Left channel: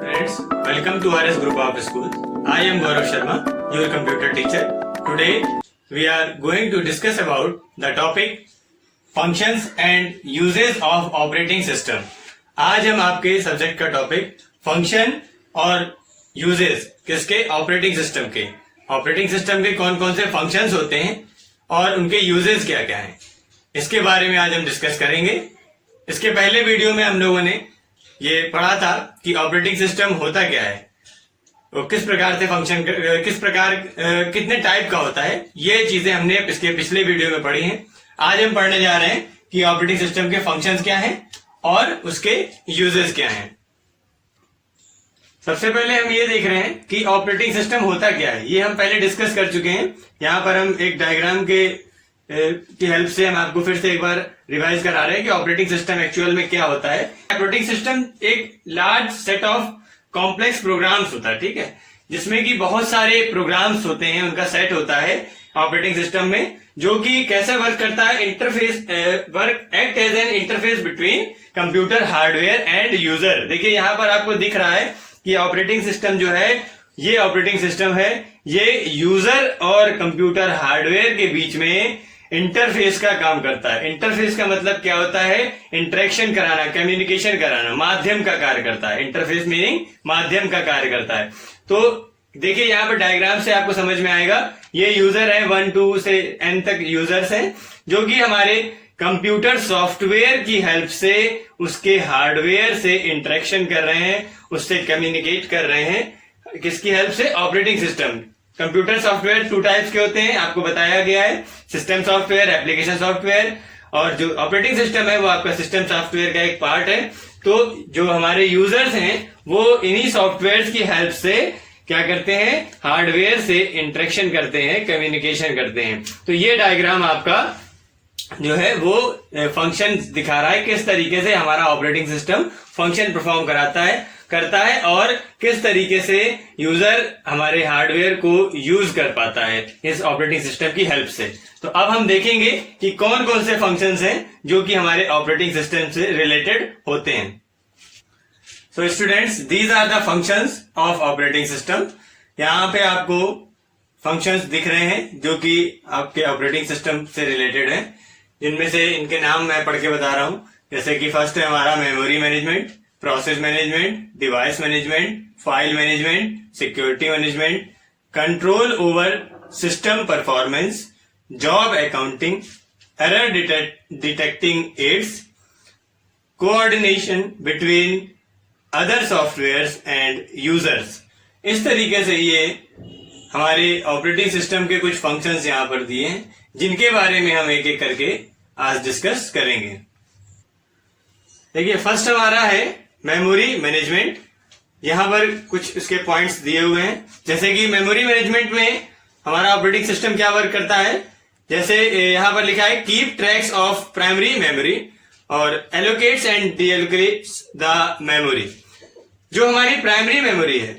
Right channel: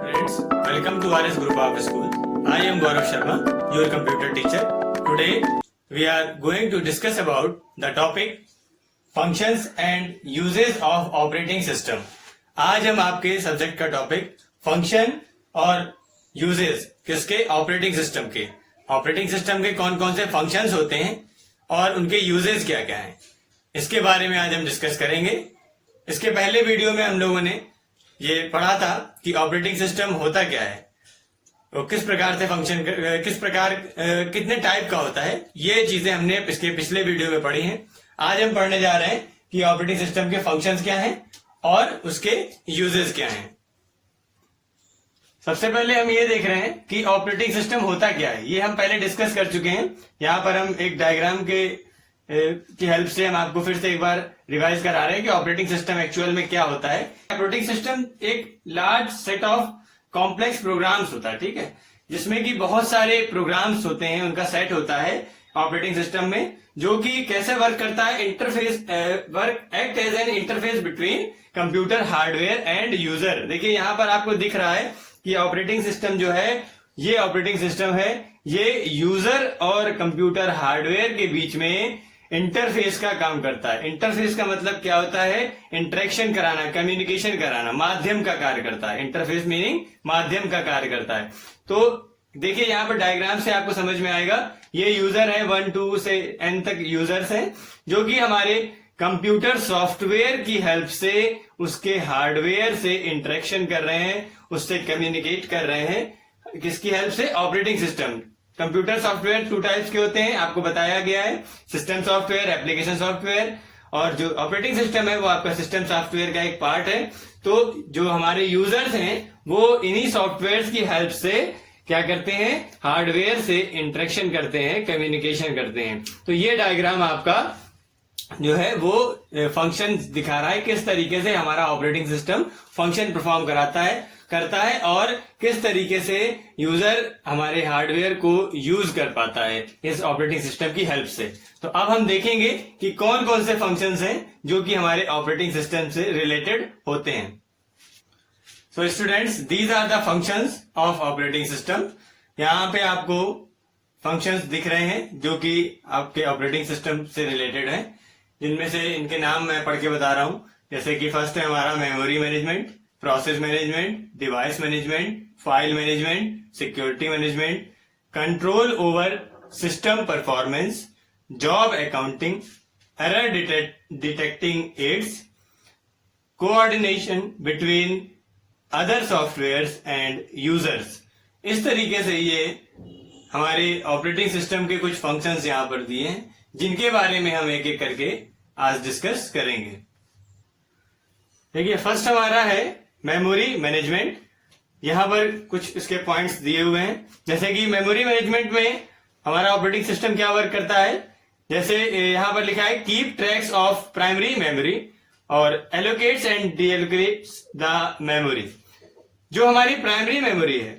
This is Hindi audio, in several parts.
Friends, welcome to RS Group of School. I am Gaurav Sharma, your computer teacher. Today, we are going to discuss about the topic functions and uses of operating system. आज हम आपके सब्जेक्ट का टॉपिक फंक्शन और यूजेस किसके ऑपरेटिंग सिस्टम के कौन कौन से फंक्शंस होते हैं और उनके यूजेस क्या क्या हैं, इसके बारे में आज हम डिस्कस करेंगे। इसके पहले वीडियो में हम लोगों ने ये पढ़ा था कि ऑपरेटिंग सिस्टम होता क्या है, वो किस प्रकार से फंक्शन कितने टाइप का होता है, ये चीजें हमने इसके पिछले वीडियो में पढ़ी हैं। आज हम पढ़ने जा रहे हैं कि ऑपरेटिंग सिस्टम के फंक्शंस क्या हैं और उसके यूजेस क्या हैं। सबसे पहले हम ये देख रहे हैं कि ऑपरेटिंग सिस्टम होता क्या है। ये हम पहले डिस्कस कर चुके हैं। यहाँ पर हम एक डायग्राम की हेल्प से हम आपको फिर से एक बार रिवाइज करा रहे हैं कि ऑपरेटिंग सिस्टम एक्चुअल में क्या होता है। ऑपरेटिंग सिस्टम एक large set of complex programs होता है, ठीक है, जिसमें कि बहुत सारे प्रोग्राम्स होते हैं, उनका सेट होता है ऑपरेटिंग सिस्टम में, जो कि कैसे वर्क करता है, act as an interface between computer hardware and user. देखिए यहाँ पर आपको दिख रहा है कि ऑपरेटिंग सिस्टम जो है, ये ऑपरेटिंग सिस्टम है, ये यूजर और कंप्यूटर हार्डवेयर के बीच में इंटरफेस का काम करता है। इंटरफेस का मतलब क्या होता है? इंटरेक्शन कराना, कम्युनिकेशन कराना, माध्यम का कार्य करता है। इंटरफेस मीनिंग माध्यम का कार्य करता है। तो देखिए यहाँ पर डायग्राम से आपको समझ में आएगा, ये यूजर है, 1 2 से n तक यूजर्स हैं, जो कि हमारे कंप्यूटर सॉफ्टवेयर की हेल्प से उसके हार्डवेयर से इंटरेक्शन कर रहे हैं, उससे कम्युनिकेट कर रहे हैं। किसकी हेल्प से? Operating system. Computer software 2 types के होते हैं, आपको बताया गया है, सिस्टम सॉफ्टवेयर, एप्लीकेशन सॉफ्टवेयर, और जो ऑपरेटिंग सिस्टम है वो आपका सिस्टम सॉफ्टवेयर का एक पार्ट है। तो जो हमारे यूजर्स हैं वो इन्हीं सॉफ्टवेयर की हेल्प से क्या करते हैं? हार्डवेयर से इंटरेक्शन करते हैं, कम्युनिकेशन करते हैं। तो ये डायग्राम आपका जो है वो फंक्शन दिखा रहा है, किस तरीके से हमारा ऑपरेटिंग सिस्टम फंक्शन परफॉर्म करता है और किस तरीके से यूजर हमारे हार्डवेयर को यूज कर पाता है इस ऑपरेटिंग सिस्टम की हेल्प से। तो अब हम देखेंगे कि कौन कौन से फंक्शंस हैं जो कि हमारे ऑपरेटिंग सिस्टम से रिलेटेड होते हैं। So students, these are the functions of operating system. यहाँ पे आपको फंक्शंस दिख रहे हैं जो कि आपके ऑपरेटिंग सिस्टम से रिलेटेड हैं, जिनमें से इनके नाम मैं पढ़ के बता रहा हूं। जैसे कि फर्स्ट है हमारा memory management, process management, device management, file management, security management, control over system performance, job accounting, error detecting aids, coordination between other softwares and users. इस तरीके से ये हमारे ऑपरेटिंग सिस्टम के कुछ फंक्शंस यहाँ पर दिए हैं, जिनके बारे में हम एक एक करके आज डिस्कस करेंगे। देखिए फर्स्ट हमारा है मेमोरी मैनेजमेंट। यहाँ पर कुछ इसके पॉइंट्स दिए हुए हैं, जैसे कि मेमोरी मैनेजमेंट में हमारा ऑपरेटिंग सिस्टम क्या वर्क करता है। जैसे यहाँ पर लिखा है keep tracks of primary memory और allocates and deallocates the memory. जो हमारी प्राइमरी मेमोरी है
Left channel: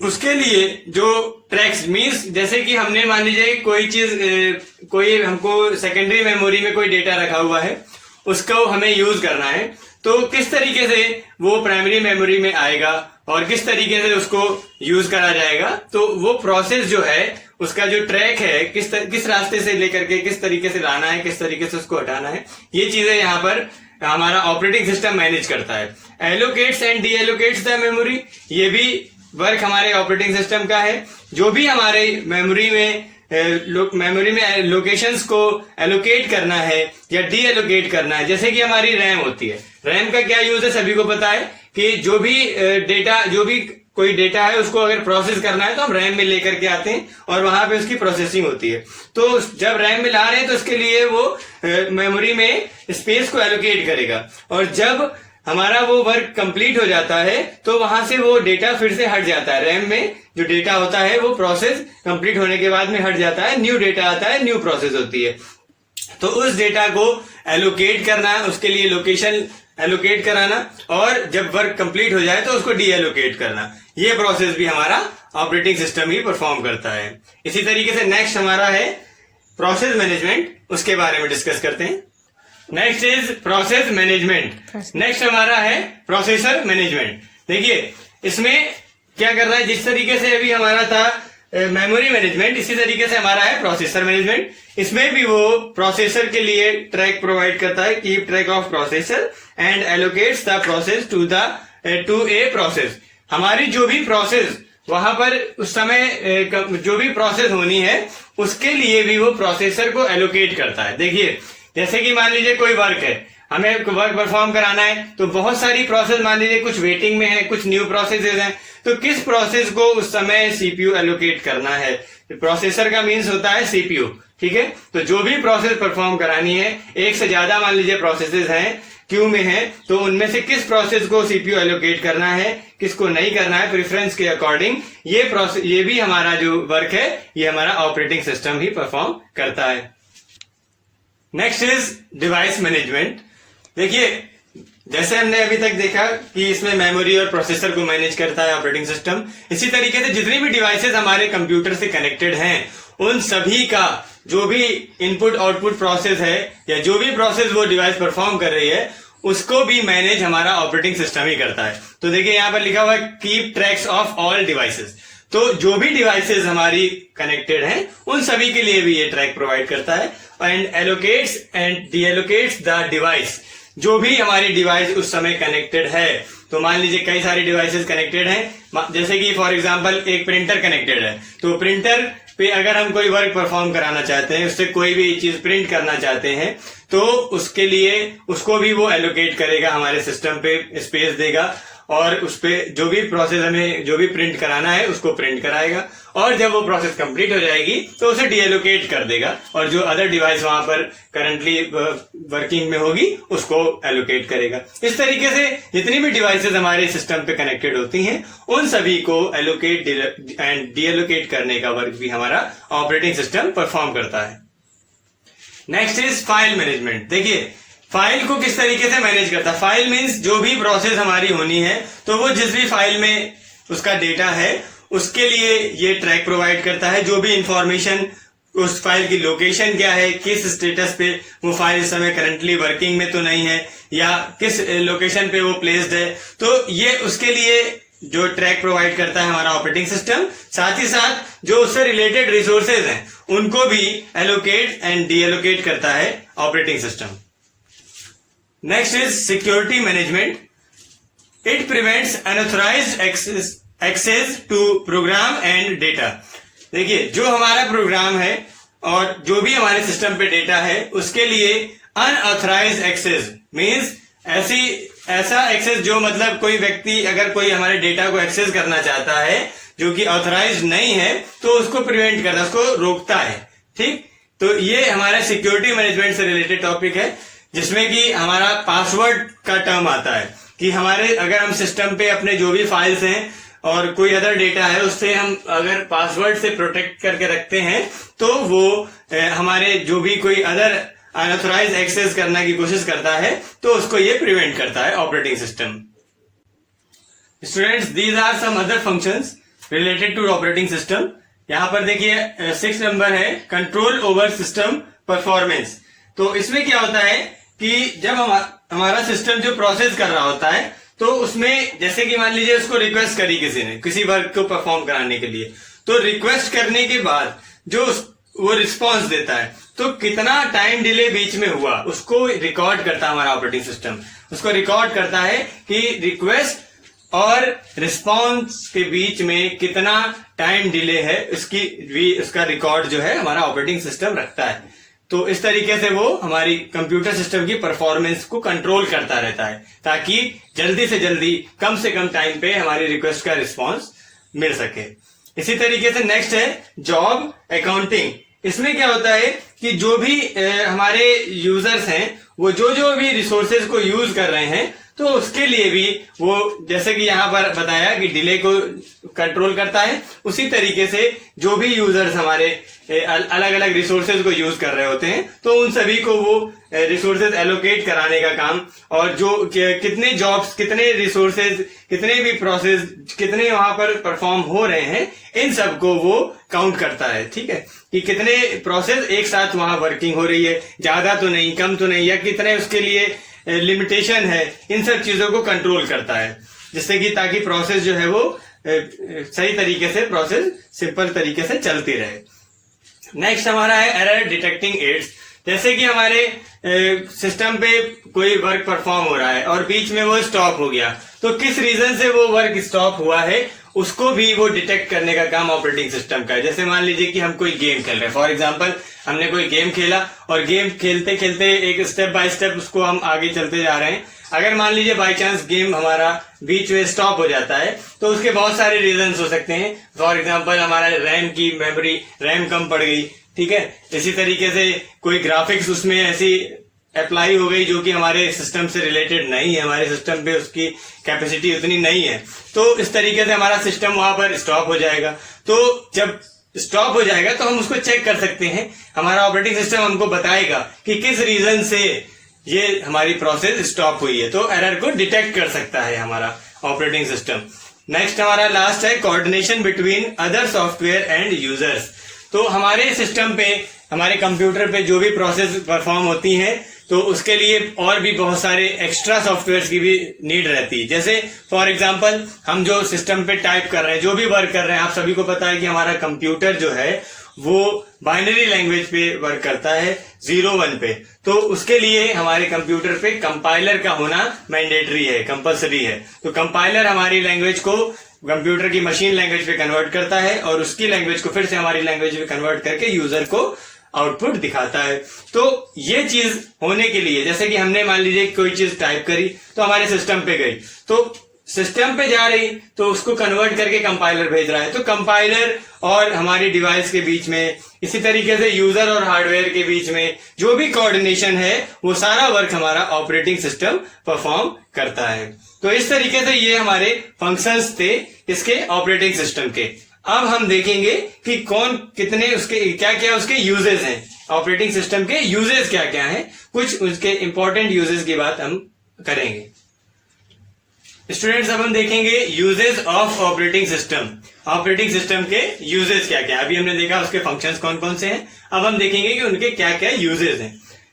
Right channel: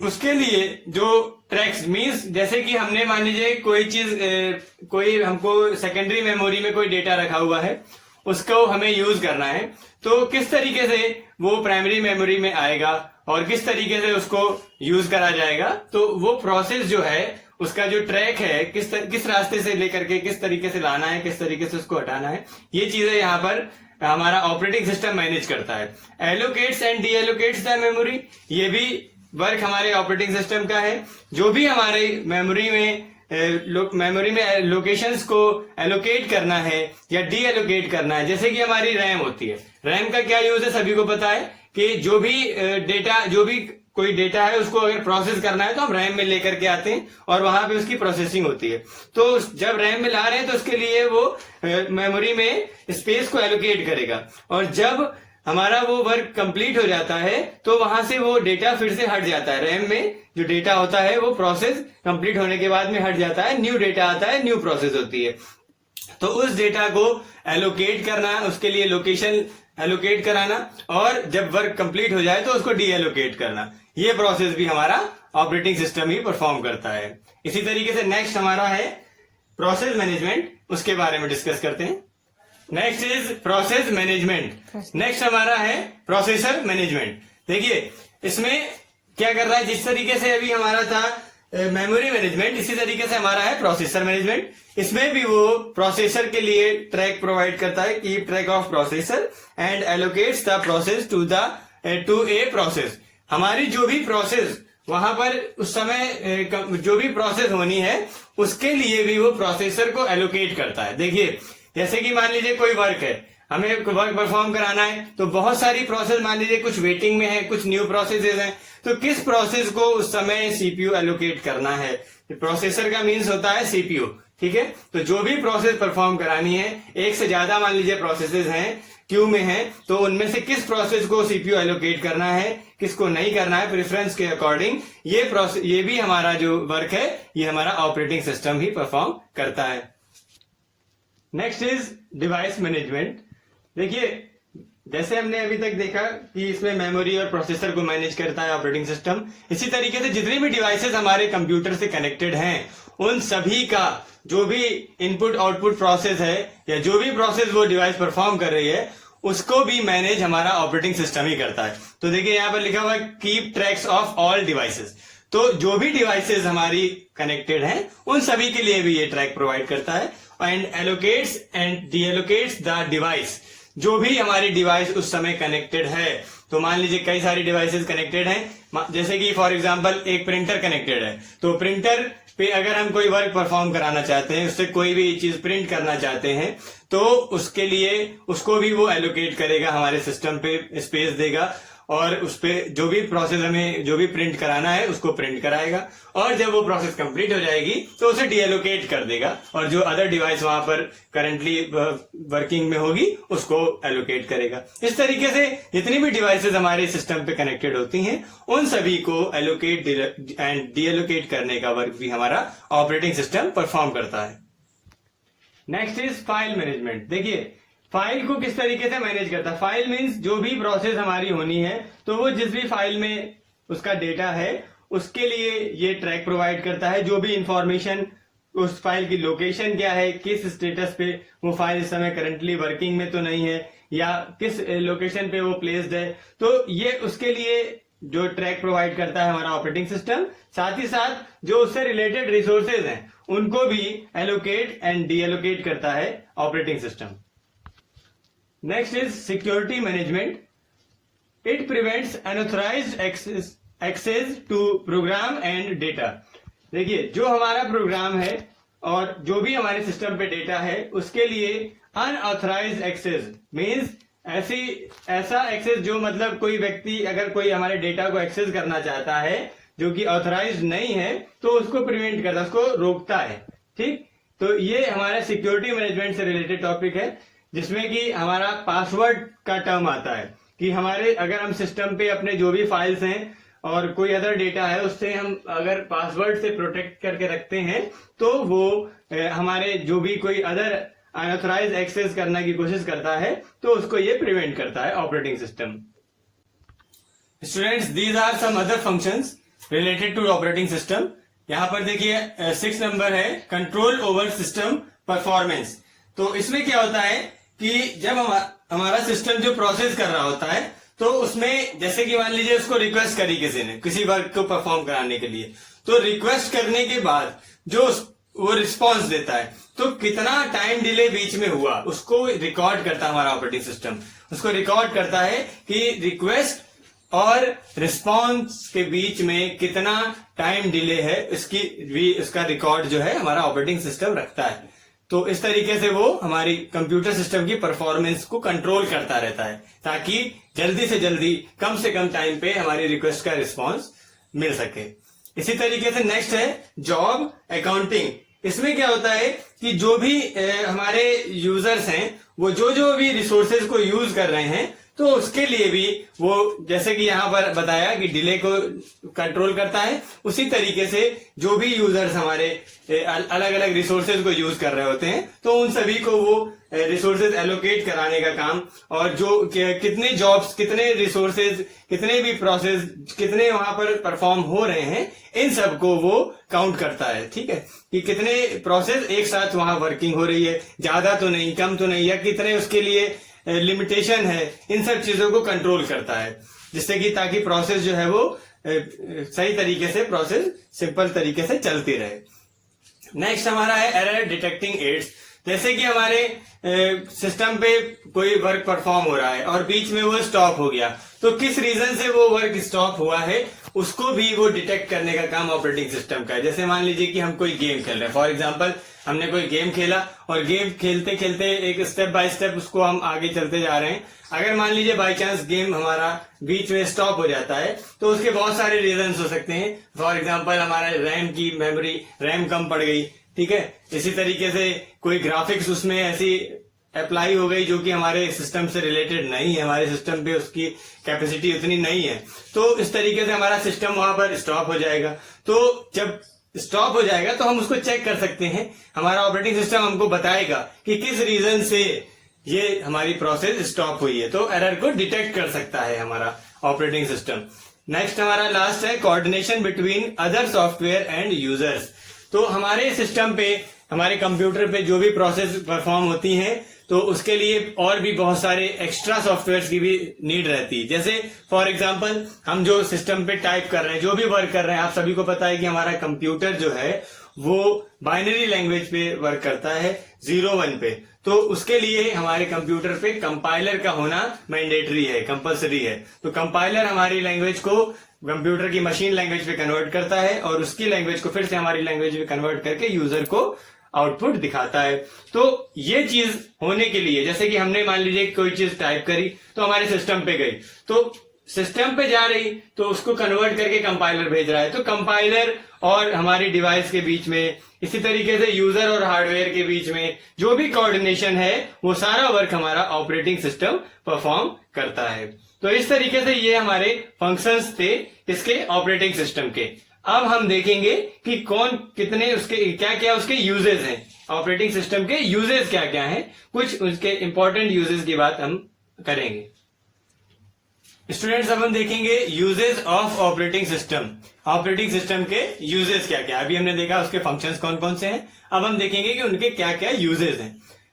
उसके लिए जो ट्रैक्स मीन्स, जैसे कि हमने मान लीजिए कोई हमको सेकेंडरी मेमोरी में कोई डेटा रखा हुआ है, उसको हमें यूज करना है, तो किस तरीके से वो प्राइमरी मेमोरी में आएगा और किस तरीके से उसको यूज करा जाएगा। तो वो प्रोसेस जो है, उसका जो ट्रैक है, किस रास्ते से लेकर के किस तरीके से लाना है, किस तरीके से उसको हटाना है, ये चीजें यहाँ पर हमारा ऑपरेटिंग सिस्टम मैनेज करता है। Allocates and D allocates the memory, ये भी वर्क हमारे ऑपरेटिंग सिस्टम का है। जो भी हमारे मेमोरी में लोकेशंस को एलोकेट करना है या डी एलोकेट करना है, जैसे कि हमारी रैम होती है। रैम का क्या यूज है, सभी को पता है कि जो भी कोई डेटा है उसको अगर प्रोसेस करना है तो हम रैम में लेकर के आते हैं और वहां पे उसकी प्रोसेसिंग होती है। तो जब रैम में ला रहे हैं तो उसके लिए वो मेमोरी में स्पेस को एलोकेट करेगा, और जब हमारा वो वर्क कंप्लीट हो जाता है तो वहां से वो डेटा फिर से हट जाता है। रैम में जो डेटा होता है वो प्रोसेस कंप्लीट होने के बाद में हट जाता है, न्यू डेटा आता है, न्यू प्रोसेस होती है। तो उस डेटा को एलोकेट करना, उसके लिए लोकेशन एलोकेट कराना, और जब वर्क कंप्लीट हो जाए तो उसको डी एलोकेट करना, ये प्रोसेस भी हमारा ऑपरेटिंग सिस्टम ही परफॉर्म करता है। इसी तरीके से नेक्स्ट हमारा है प्रोसेस मैनेजमेंट, उसके बारे में डिस्कस करते हैं। Next is process management. Next हमारा है प्रोसेसर मैनेजमेंट। देखिए इसमें क्या कर रहा है, जिस तरीके से अभी हमारा था मेमोरी मैनेजमेंट, इसी तरीके से हमारा है प्रोसेसर मैनेजमेंट। इसमें भी वो प्रोसेसर के लिए ट्रैक प्रोवाइड करता है, keep track of processor and allocates the process to a process. हमारी जो भी प्रोसेस वहां पर उस समय जो भी प्रोसेस होनी है उसके लिए भी वो प्रोसेसर को एलोकेट करता है। देखिए जैसे कि मान लीजिए कोई वर्क है, हमें वर्क परफॉर्म कराना है, तो बहुत सारी प्रोसेस मान लीजिए कुछ वेटिंग में है, कुछ न्यू प्रोसेसेस हैं, तो किस प्रोसेस को उस समय सीपीयू एलोकेट करना है। प्रोसेसर का मीन्स होता है सीपीयू, ठीक है। तो जो भी प्रोसेस परफॉर्म करानी है, एक से ज्यादा मान लीजिए प्रोसेसेस हैं, क्यू में है, तो उनमें से किस प्रोसेस को सीपीयू एलोकेट करना है, किसको नहीं करना है, प्रेफरेंस के अकॉर्डिंग ये भी हमारा जो वर्क है ये हमारा ऑपरेटिंग सिस्टम ही परफॉर्म करता है। Next is device management. देखिए जैसे हमने अभी तक देखा कि इसमें मेमोरी और प्रोसेसर को मैनेज करता है ऑपरेटिंग सिस्टम, इसी तरीके से जितनी भी डिवाइसेस हमारे कंप्यूटर से कनेक्टेड हैं उन सभी का जो भी इनपुट आउटपुट प्रोसेस है या जो भी प्रोसेस वो डिवाइस परफॉर्म कर रही है उसको भी मैनेज हमारा ऑपरेटिंग सिस्टम ही करता है। तो देखिए यहाँ पर लिखा हुआ है keep tracks of all devices. तो जो भी डिवाइसेस हमारी कनेक्टेड हैं उन सभी के लिए भी ये ट्रैक प्रोवाइड करता है and allocates and deallocates the device. जो भी हमारी डिवाइस उस समय कनेक्टेड है, तो मान लीजिए कई सारी डिवाइसेस कनेक्टेड हैं, जैसे कि फॉर एग्जांपल एक प्रिंटर कनेक्टेड है, तो प्रिंटर पे अगर हम कोई वर्क परफॉर्म कराना चाहते हैं, उससे कोई भी चीज प्रिंट करना चाहते हैं, तो उसके लिए उसको भी वो एलोकेट करेगा, हमारे सिस्टम पे स्पेस देगा और उस पे जो भी प्रोसेस हमें जो भी प्रिंट कराना है उसको प्रिंट कराएगा, और जब वो प्रोसेस कंप्लीट हो जाएगी तो उसे डीएलोकेट कर देगा और जो अदर डिवाइस वहां पर करंटली वर्किंग में होगी उसको एलोकेट करेगा। इस तरीके से जितनी भी डिवाइसेस हमारे सिस्टम पे कनेक्टेड होती हैं उन सभी को एलोकेट एंड डीएलोकेट करने का वर्क भी हमारा ऑपरेटिंग सिस्टम परफॉर्म करता है। Next is file management. देखिए फाइल को किस तरीके से मैनेज करता है। फाइल मीन्स जो भी प्रोसेस हमारी होनी है तो वो जिस भी फाइल में उसका डेटा है उसके लिए ये ट्रैक प्रोवाइड करता है। जो भी इंफॉर्मेशन, उस फाइल की लोकेशन क्या है, किस स्टेटस पे वो फाइल इस समय करंटली वर्किंग में तो नहीं है या किस लोकेशन पे वो प्लेस्ड है, तो ये उसके लिए जो ट्रैक प्रोवाइड करता है हमारा ऑपरेटिंग सिस्टम। साथ ही साथ जो उससे रिलेटेड रिसोर्सेज हैं उनको भी एलोकेट एंड डीएलोकेट करता है operating system. Next is security management. It prevents unauthorised access to program and data. देखिए जो हमारा प्रोग्राम है और जो भी हमारे सिस्टम पे डेटा है उसके लिए अनऑथराइज्ड एक्सेस मींस ऐसा एक्सेस जो मतलब कोई व्यक्ति अगर कोई हमारे डेटा को एक्सेस करना चाहता है जो कि ऑथराइज्ड नहीं है तो उसको प्रिवेंट करता है, उसको रोकता है। ठीक, तो ये हमारा सिक्योरिटी मैनेजमेंट से रिलेटेड टॉपिक है जिसमें कि हमारा पासवर्ड का टर्म आता है कि हमारे अगर हम सिस्टम पे अपने जो भी फाइल्स हैं और कोई अदर डेटा है उससे हम अगर पासवर्ड से प्रोटेक्ट करके रखते हैं तो वो हमारे जो भी कोई अदर अनऑथराइज्ड एक्सेस करने की कोशिश करता है तो उसको ये प्रिवेंट करता है operating system. Students, these are some other functions related to operating system. यहाँ पर देखिए 6 नंबर है कंट्रोल ओवर सिस्टम परफॉर्मेंस। तो इसमें क्या होता है कि जब हमारा सिस्टम जो प्रोसेस कर रहा होता है तो उसमें जैसे कि मान लीजिए उसको रिक्वेस्ट करी किसी ने किसी वर्क को परफॉर्म कराने के लिए, तो रिक्वेस्ट करने के बाद जो वो रिस्पॉन्स देता है तो कितना टाइम डिले बीच में हुआ उसको रिकॉर्ड करता है हमारा ऑपरेटिंग सिस्टम। उसको रिकॉर्ड करता है कि रिक्वेस्ट और रिस्पॉन्स के बीच में कितना टाइम डिले है उसका रिकॉर्ड जो है हमारा ऑपरेटिंग सिस्टम रखता है। तो इस तरीके से वो हमारी कंप्यूटर सिस्टम की परफॉर्मेंस को कंट्रोल करता रहता है ताकि जल्दी से जल्दी कम से कम टाइम पे हमारी रिक्वेस्ट का रिस्पॉन्स मिल सके। इसी तरीके से नेक्स्ट है जॉब अकाउंटिंग। इसमें क्या होता है कि जो भी हमारे यूजर्स हैं वो जो भी रिसोर्सेज को यूज कर रहे हैं तो उसके लिए भी वो जैसे कि यहाँ पर बताया कि डिले को कंट्रोल करता है, उसी तरीके से जो भी यूजर्स हमारे अलग अलग रिसोर्सेज को यूज कर रहे होते हैं तो उन सभी को वो रिसोर्सेज एलोकेट कराने का काम और जो कितने जॉब्स, कितने रिसोर्सेज, कितने भी प्रोसेस, कितने वहां पर परफॉर्म हो रहे हैं, इन सब को वो काउंट करता है। ठीक है, कि कितने प्रोसेस एक साथ वहां वर्किंग हो रही है, ज्यादा तो नहीं, कम तो नहीं, या कितने उसके लिए लिमिटेशन है, इन सब चीजों को कंट्रोल करता है। जिससे कि ताकि प्रोसेस जो है वो सही तरीके से प्रोसेस सिंपल तरीके से चलती रहे। नेक्स्ट हमारा है एरर डिटेक्टिंग एड्स। जैसे कि हमारे सिस्टम पे कोई वर्क परफॉर्म हो रहा है और बीच में वो स्टॉप हो गया, तो किस रीजन से वो वर्क स्टॉप हुआ है उसको भी वो डिटेक्ट करने का काम ऑपरेटिंग सिस्टम का है। जैसे मान लीजिए कि हम कोई गेम खेल रहे हैं, फॉर एग्जांपल हमने कोई गेम खेला और गेम खेलते खेलते एक स्टेप बाय स्टेप उसको हम आगे चलते जा रहे हैं। अगर मान लीजिए बाई चांस गेम हमारा बीच में स्टॉप हो जाता है तो उसके बहुत सारे रीजन हो सकते हैं। फॉर एग्जाम्पल हमारा रैम की मेमोरी रैम कम पड़ गई, ठीक है। इसी तरीके से कोई ग्राफिक्स उसमें ऐसी अप्लाई हो गई जो कि हमारे सिस्टम से रिलेटेड नहीं है, हमारे सिस्टम पे उसकी कैपेसिटी उतनी नहीं है, तो इस तरीके से हमारा सिस्टम वहां पर स्टॉप हो जाएगा। तो जब स्टॉप हो जाएगा तो हम उसको चेक कर सकते हैं, हमारा ऑपरेटिंग सिस्टम हमको बताएगा कि किस रीजन से ये हमारी प्रोसेस स्टॉप हुई है, तो एरर को डिटेक्ट कर सकता है हमारा ऑपरेटिंग सिस्टम। नेक्स्ट हमारा लास्ट है coordination between other software and users. तो हमारे सिस्टम पे, हमारे कंप्यूटर पे जो भी प्रोसेस परफॉर्म होती है तो उसके लिए और भी बहुत सारे एक्स्ट्रा सॉफ्टवेयर की भी नीड रहती है। जैसे फॉर एग्जांपल हम जो सिस्टम पे टाइप कर रहे हैं, जो भी वर्क कर रहे हैं, आप सभी को पता है कि हमारा कंप्यूटर जो है वो बाइनरी लैंग्वेज पे वर्क करता है 0-1 पे। तो उसके लिए हमारे कंप्यूटर पे कंपाइलर का होना मैंडेटरी है, कंपल्सरी है। तो कंपाइलर हमारी लैंग्वेज को कंप्यूटर की मशीन लैंग्वेज पे कन्वर्ट करता है और उसकी लैंग्वेज को फिर से हमारी लैंग्वेज में कन्वर्ट करके यूजर को आउटपुट दिखाता है। तो ये चीज होने के लिए, जैसे कि हमने मान लीजिए कोई चीज टाइप करी तो हमारे सिस्टम पे गई, तो सिस्टम पे जा रही तो उसको कन्वर्ट करके कंपाइलर भेज रहा है। तो कंपाइलर और हमारी डिवाइस के बीच में, इसी तरीके से यूजर और हार्डवेयर के बीच में जो भी कोऑर्डिनेशन है वो सारा वर्क हमारा ऑपरेटिंग सिस्टम परफॉर्म करता है। तो इस तरीके से ये हमारे फंक्शंस थे इसके ऑपरेटिंग सिस्टम के। अब हम देखेंगे कि कौन कितने उसके क्या क्या उसके यूजेस हैं, ऑपरेटिंग सिस्टम के यूजेस क्या क्या हैं, कुछ उसके इंपॉर्टेंट यूजेस की बात हम करेंगे। स्टूडेंट्स अब हम देखेंगे uses of operating system. Operating system के यूजेस क्या क्या, अभी हमने देखा उसके फंक्शंस कौन कौन से हैं, अब हम देखेंगे कि उनके क्या क्या यूजेस हैं।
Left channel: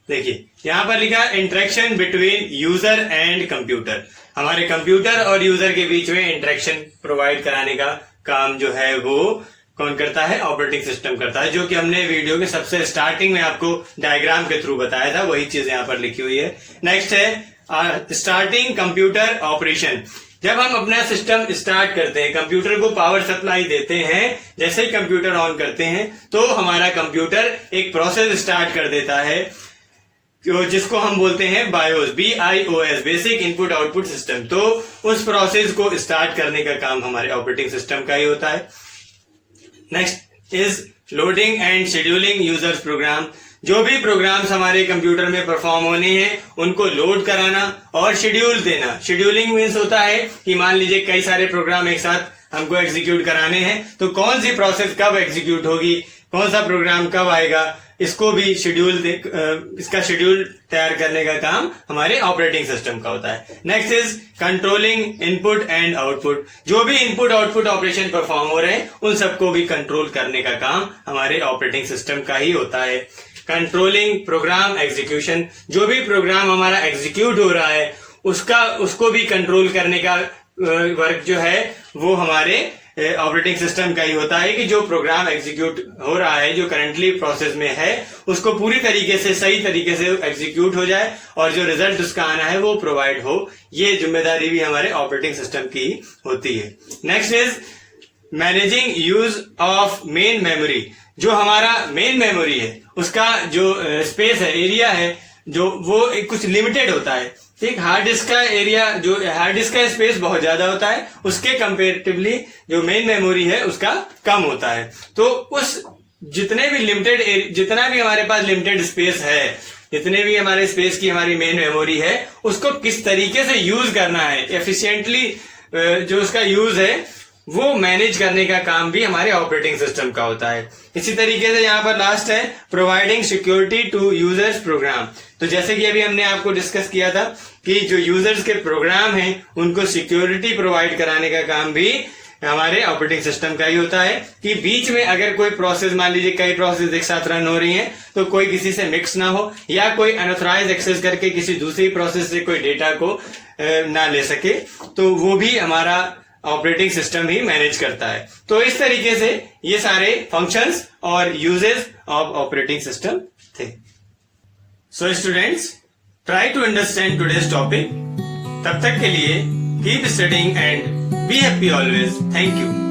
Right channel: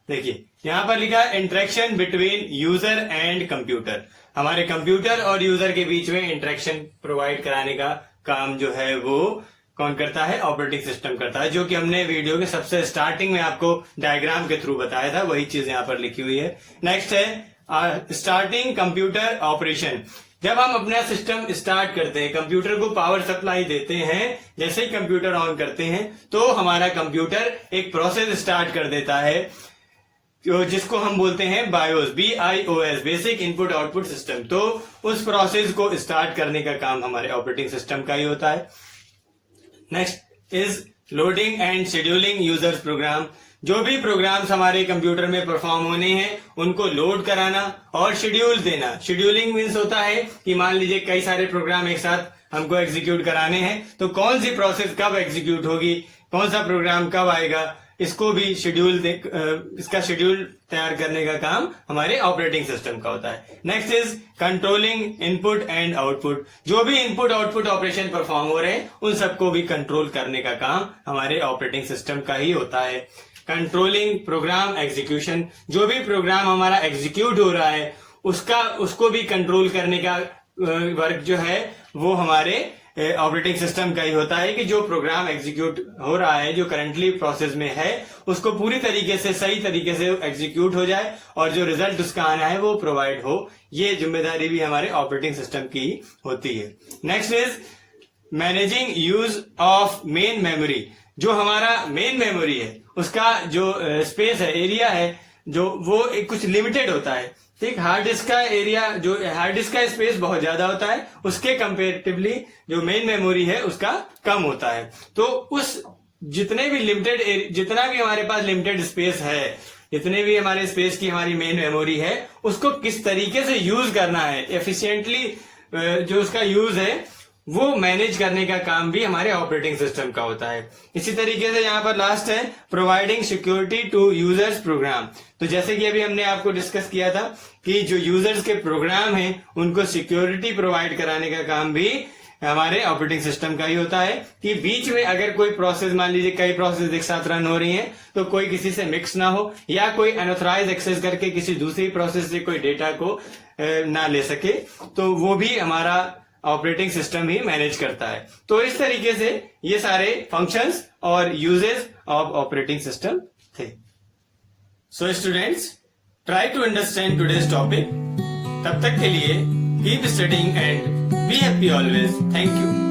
देखिए यहां पर लिखा interaction between user and computer. हमारे कंप्यूटर और यूजर के बीच में इंटरेक्शन प्रोवाइड कराने का काम जो है वो कौन करता है, ऑपरेटिंग सिस्टम करता है, जो कि हमने वीडियो के सबसे स्टार्टिंग में आपको डायग्राम के थ्रू बताया था, वही चीज यहाँ पर लिखी हुई है। नेक्स्ट है स्टार्टिंग कंप्यूटर ऑपरेशन। जब हम अपना सिस्टम स्टार्ट करते हैं, कंप्यूटर को पावर सप्लाई देते हैं, जैसे ही कंप्यूटर ऑन करते हैं तो हमारा कंप्यूटर एक प्रोसेस स्टार्ट कर देता है जिसको हम बोलते हैं BIOS, BIOS, basic input output system. तो उस प्रोसेस को स्टार्ट करने का काम हमारे ऑपरेटिंग सिस्टम का ही होता है। Next is loading and scheduling users program. जो भी प्रोग्राम्स हमारे कंप्यूटर में परफॉर्म होने हैं उनको लोड कराना और शेड्यूल देना। शेड्यूलिंग मीन्स होता है कि मान लीजिए कई सारे प्रोग्राम एक साथ हमको एग्जीक्यूट कराने हैं, तो कौन सी प्रोसेस कब एग्जीक्यूट होगी, कौन सा प्रोग्राम कब आएगा, इसको भी इसका शेड्यूल तैयार करने का काम हमारे ऑपरेटिंग सिस्टम का होता है। Next is controlling input and output. जो भी इनपुट आउटपुट ऑपरेशन परफॉर्म हो रहे हैं उन सबको भी कंट्रोल करने का काम हमारे ऑपरेटिंग सिस्टम का ही होता है। Controlling program execution. जो भी प्रोग्राम हमारा एग्जीक्यूट हो रहा है उसको भी कंट्रोल करने का वर्क जो है वो हमारे ऑपरेटिंग सिस्टम का ही होता है कि जो प्रोग्राम एग्जीक्यूट हो रहा है, जो करंटली प्रोसेस में है, उसको पूरी तरीके से सही तरीके से एग्जीक्यूट हो जाए और जो रिजल्ट उसका आना है वो प्रोवाइड हो। ये जिम्मेदारी भी हमारे ऑपरेटिंग सिस्टम की होती है। Next is managing use of main memory. जो हमारा मेन मेमोरी है उसका जो स्पेस है, एरिया है, जो वो कुछ लिमिटेड होता है। ठीक, हार्ड डिस्क का एरिया, जो हार्ड डिस्क का स्पेस बहुत ज्यादा होता है, उसके कंपेरेटिवली जो मेन मेमोरी है उसका कम होता है। तो उस जितना भी हमारे पास लिमिटेड स्पेस है, जितने भी हमारे स्पेस की हमारी मेन मेमोरी है, उसको किस तरीके से यूज करना है एफिशिएंटली, जो उसका यूज है वो मैनेज करने का काम भी हमारे ऑपरेटिंग सिस्टम का होता है। इसी तरीके से यहाँ पर लास्ट है providing security to users program. तो जैसे कि अभी हमने आपको डिस्कस किया था कि जो यूजर्स के प्रोग्राम हैं उनको सिक्योरिटी प्रोवाइड कराने का काम भी हमारे ऑपरेटिंग सिस्टम का ही होता है कि बीच में अगर कोई प्रोसेस, मान लीजिए कई प्रोसेस एक साथ रन हो रही हैं, तो कोई किसी से मिक्स ना हो या कोई अनऑथराइज एक्सेस करके किसी दूसरी प्रोसेस से कोई डेटा को ना ले सके, तो वो भी हमारा ऑपरेटिंग सिस्टम ही मैनेज करता है। तो इस तरीके से ये सारे फंक्शंस और यूजेस ऑफ ऑपरेटिंग सिस्टम थे। So students, try to understand today's topic. तब तक के लिए keep studying and be happy always. Thank you.